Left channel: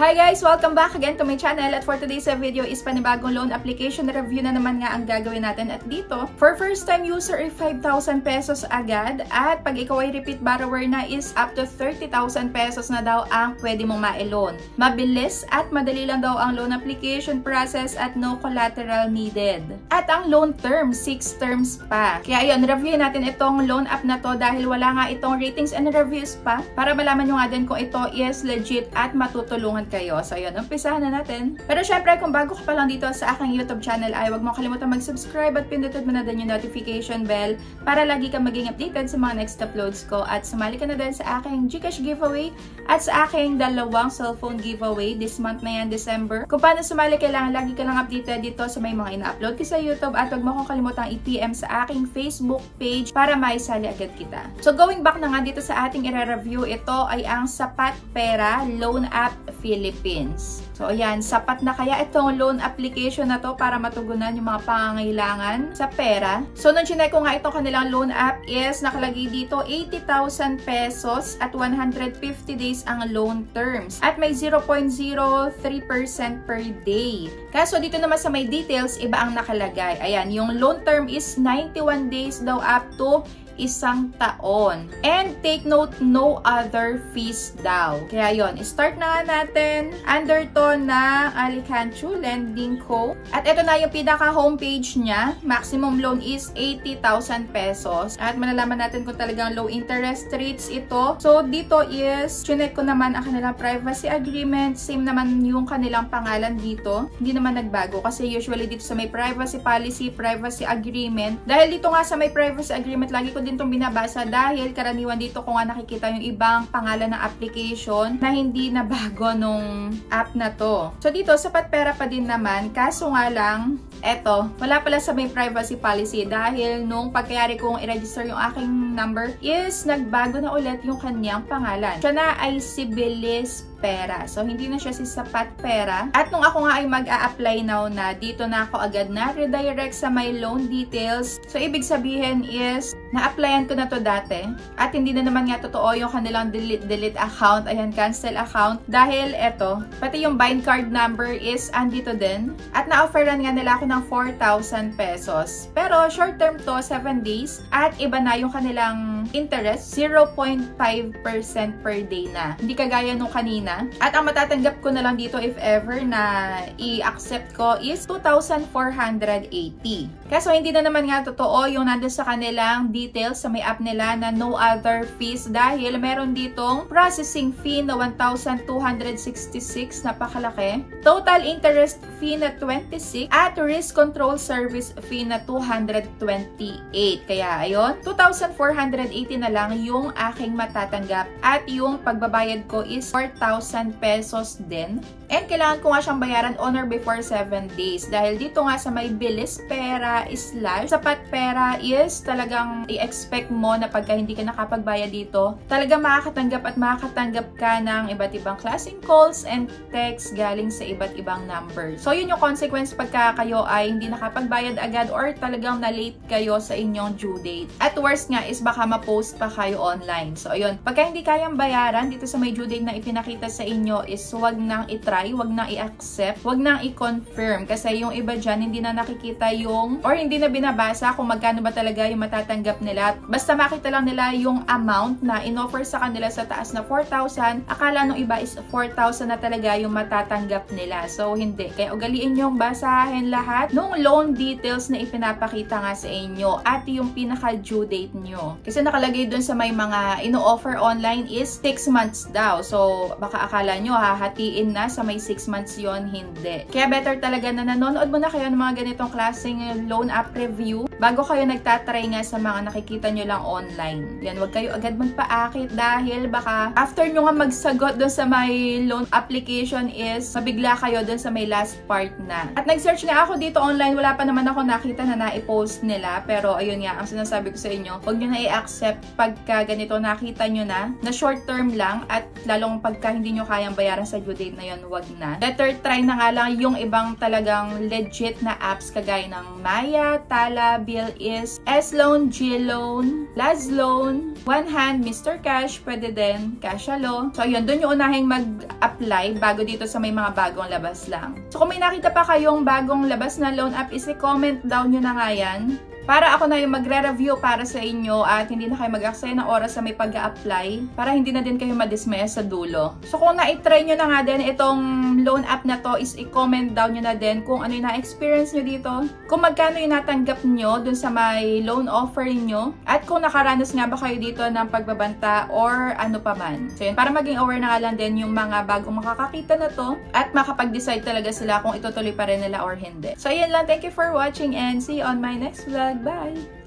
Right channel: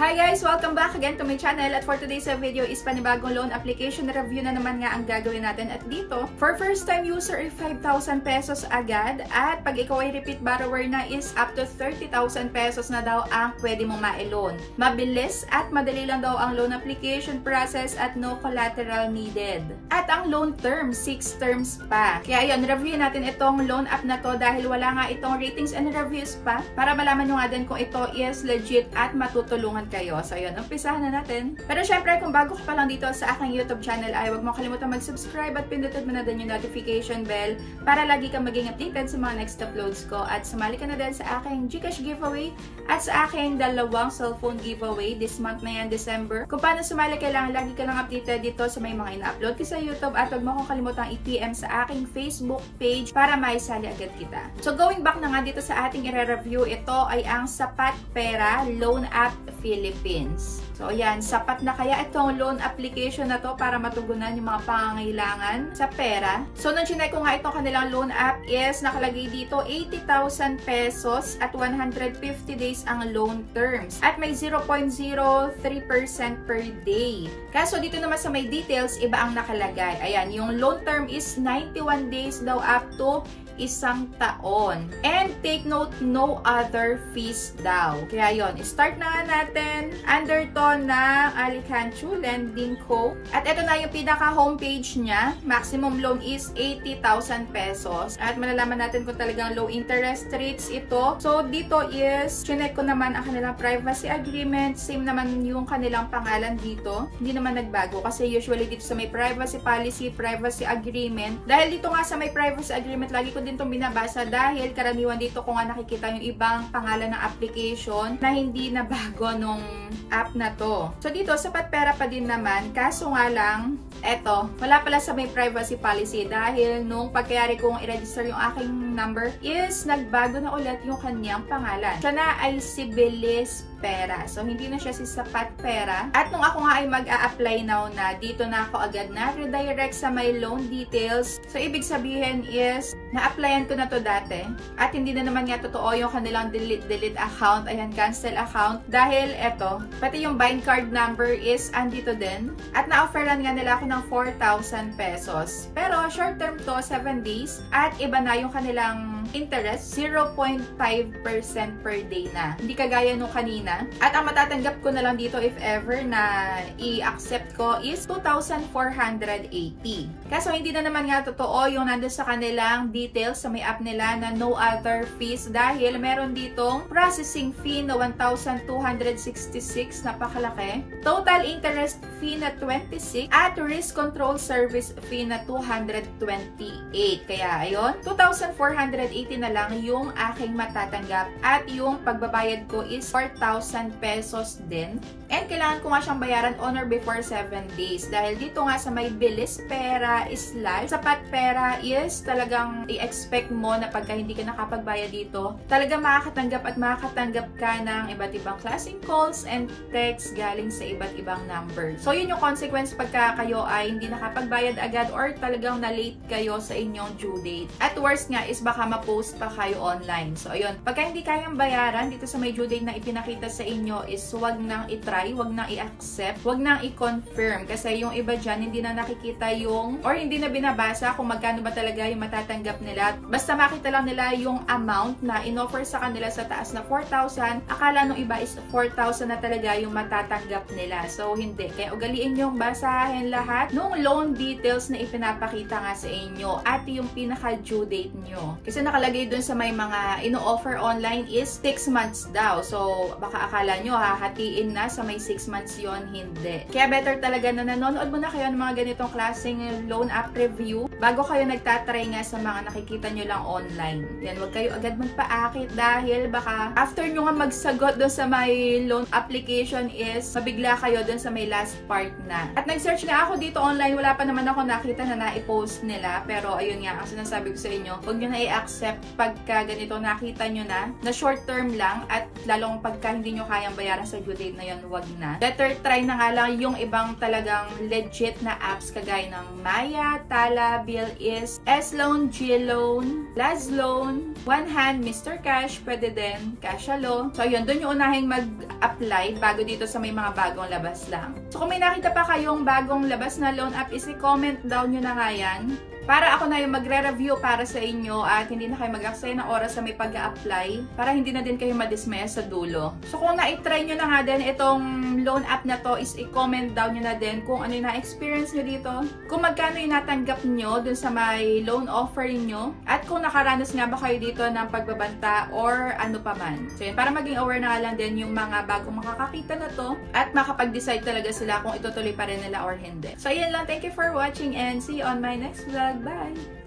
Hi guys! Welcome back again to my channel at for today's video is panibagong loan application review na naman nga ang gagawin natin at dito. For first time user ay 5,000 pesos agad at pag ikaw ay repeat borrower na is up to 30,000 pesos na daw ang pwede mong ma-loan. Mabilis at madali lang daw ang loan application process at no collateral needed. At ang loan term, 6 terms pa. Kaya ayun, review natin itong loan app na to dahil wala nga itong ratings and reviews pa para malaman nyo nga din kung ito is legit at matutulungan kayo. So, yun. Umpisahan na natin. Pero syempre, kung bago ka pa lang dito sa aking YouTube channel ay huwag mo kalimutan mag-subscribe at pindutin mo na din yung notification bell para lagi kang maging updated sa mga next uploads ko. At sumali ka na din sa aking Gcash giveaway at sa aking dalawang cellphone giveaway this month na yan, December. Kung paano sumali, kailangan lagi ka lang updated dito sa may mga ina-upload ko sa YouTube at huwag mo kong kalimutang i-PM sa aking Facebook page para maisali agad kita. So, going back na nga dito sa ating i-review, ito ay ang Sapat Pera Loan App Philippines. So, ayan, sapat na kaya itong loan application na to para matugunan yung mga pangangailangan sa pera. So, nung chinek ko nga itong kanilang loan app is nakalagay dito 80,000 pesos at 150 days ang loan terms. At may 0.03% per day. Kaso dito naman sa may details, iba ang nakalagay. Ayan, yung loan term is 91 days daw up to 1 taon. And take note, no other fees daw. Kaya yon, start na nga natin. Under to na Alicanchu Lending Co. At ito na yung pinaka-homepage niya. Maximum loan is 80,000 pesos. At malalaman natin kung talagang low interest rates ito. So, dito is, chinek ko naman ang kanilang privacy agreement. Same naman yung kanilang pangalan dito. Hindi naman nagbago kasi usually dito sa may privacy policy, privacy agreement. Dahil dito nga sa may privacy agreement, lagi ko din itong binabasa dahil karaniwan dito ko nga nakikita yung ibang pangalan ng application na hindi na bago nung app na to. So dito, Sapat Pera pa din naman, kaso nga lang, eto, wala pala sa may privacy policy dahil nung pagkayari kong i-register yung aking number is nagbago na ulit yung kanyang pangalan. Siya na ay si Bilis Pera. So, hindi na siya si Sapat Pera. At nung ako nga ay mag-a-apply now na, dito na ako agad na redirect sa my loan details. So, ibig sabihin is, na-applyan ko na to dati. At hindi na naman nga totoo yung kanilang delete account. Ayan, cancel account. Dahil eto, pati yung bind card number is andito din. At na-offeran nga nila ako ng 4,000 pesos. Pero, short term to, 7 days. At iba na yung kanilang interest, 0.5% per day na. Hindi kagaya nung kanina. At ang matatanggap ko na lang dito if ever na i-accept ko is 2,480. Kaso hindi na naman nga totoo yung nandun sa kanilang details sa may app nila na no other fees dahil meron ditong processing fee na 1,266, napakalaki. Total interest fee na 26 at risk control service fee na 228. Kaya ayun, 2,480 na lang yung aking matatanggap at yung pagbabayad ko is 4,000 pesos din. And kailangan ko nga siyang bayaran on or before 7 days. Dahil dito nga sa may Bilis Pera / Sapat Pera is talagang i-expect mo na pagka hindi ka nakapagbayad dito, talagang makakatanggap at makakatanggap ka ng iba't ibang klaseng calls and texts galing sa iba't ibang number. So yun yung consequence pagka kayo ay hindi nakapagbayad agad or talagang na-late kayo sa inyong due date. At worst nga is baka ma-post pa kayo online. So ayun, pagka hindi kayang bayaran dito sa may due date na ipinakita sa inyo is wag nang i-try, wag nang i-accept, wag nang i-confirm kasi yung iba dyan hindi na nakikita yung or hindi na binabasa kung magkano ba talaga yung matatanggap nila. Basta makita lang nila yung amount na in-offer sa kanila sa taas na 4,000, akala nung iba is 4,000 na talaga yung matatanggap nila. So hindi. Kaya ugaliin yung basahin lahat nung loan details na ipinapakita nga sa inyo at yung pinaka-due date nyo. Kasi nakalagay dun sa may mga ino-offer online is 6 months daw. So baka akala nyo hahatiin na sa may 6 months yon, hindi. Kaya better talaga na nanonood mo na kayo ng mga ganitong klaseng loan app review bago kayo nagtatry nga sa mga nakikita nyo lang online. Yan, huwag kayo agad magpaakit dahil baka after nyo nga magsagot doon sa may loan application is mabigla kayo doon sa may last part na. At nag-search nga ako dito online, wala pa naman ako nakita na na-post nila. Pero ayun nga, ang sinasabi ko sa inyo, huwag nyo na i-accept pagka ganito nakita nyo na short term lang at lalong pagka hindi nyo kayang bayaran sa due date na yun, wag na. Better try na nga lang yung ibang talagang legit na apps kagaya ng Maya, Tala, avail is S-Loan, G-Loan, Laz Loan, One Hand, Mr. Cash, pwede din, Cashalo. So, ayun, dun yung unahing mag-apply bago dito sa may mga bagong labas lang. So, kung may nakita pa kayong bagong labas na loan app, isi-comment down nyo na nga yan. Para ako na yung magre-review para sa inyo at hindi na kayo mag-aksaya ng oras sa may pag-a-apply para hindi na din kayo madismaya sa dulo. So kung na-try nyo na nga din itong loan app na to is i-comment down nyo na din kung ano yung na-experience nyo dito, kung magkano yung natanggap nyo dun sa may loan offer nyo, at kung nakaranas nga ba kayo dito ng pagbabanta or ano pa man. So yun, para maging aware na nga lang din yung mga bagong makakakita na to at makapag-decide talaga sila kung itutuloy pa rin nila or hindi. So yun lang, thank you for watching and see you on my next vlog. Bye!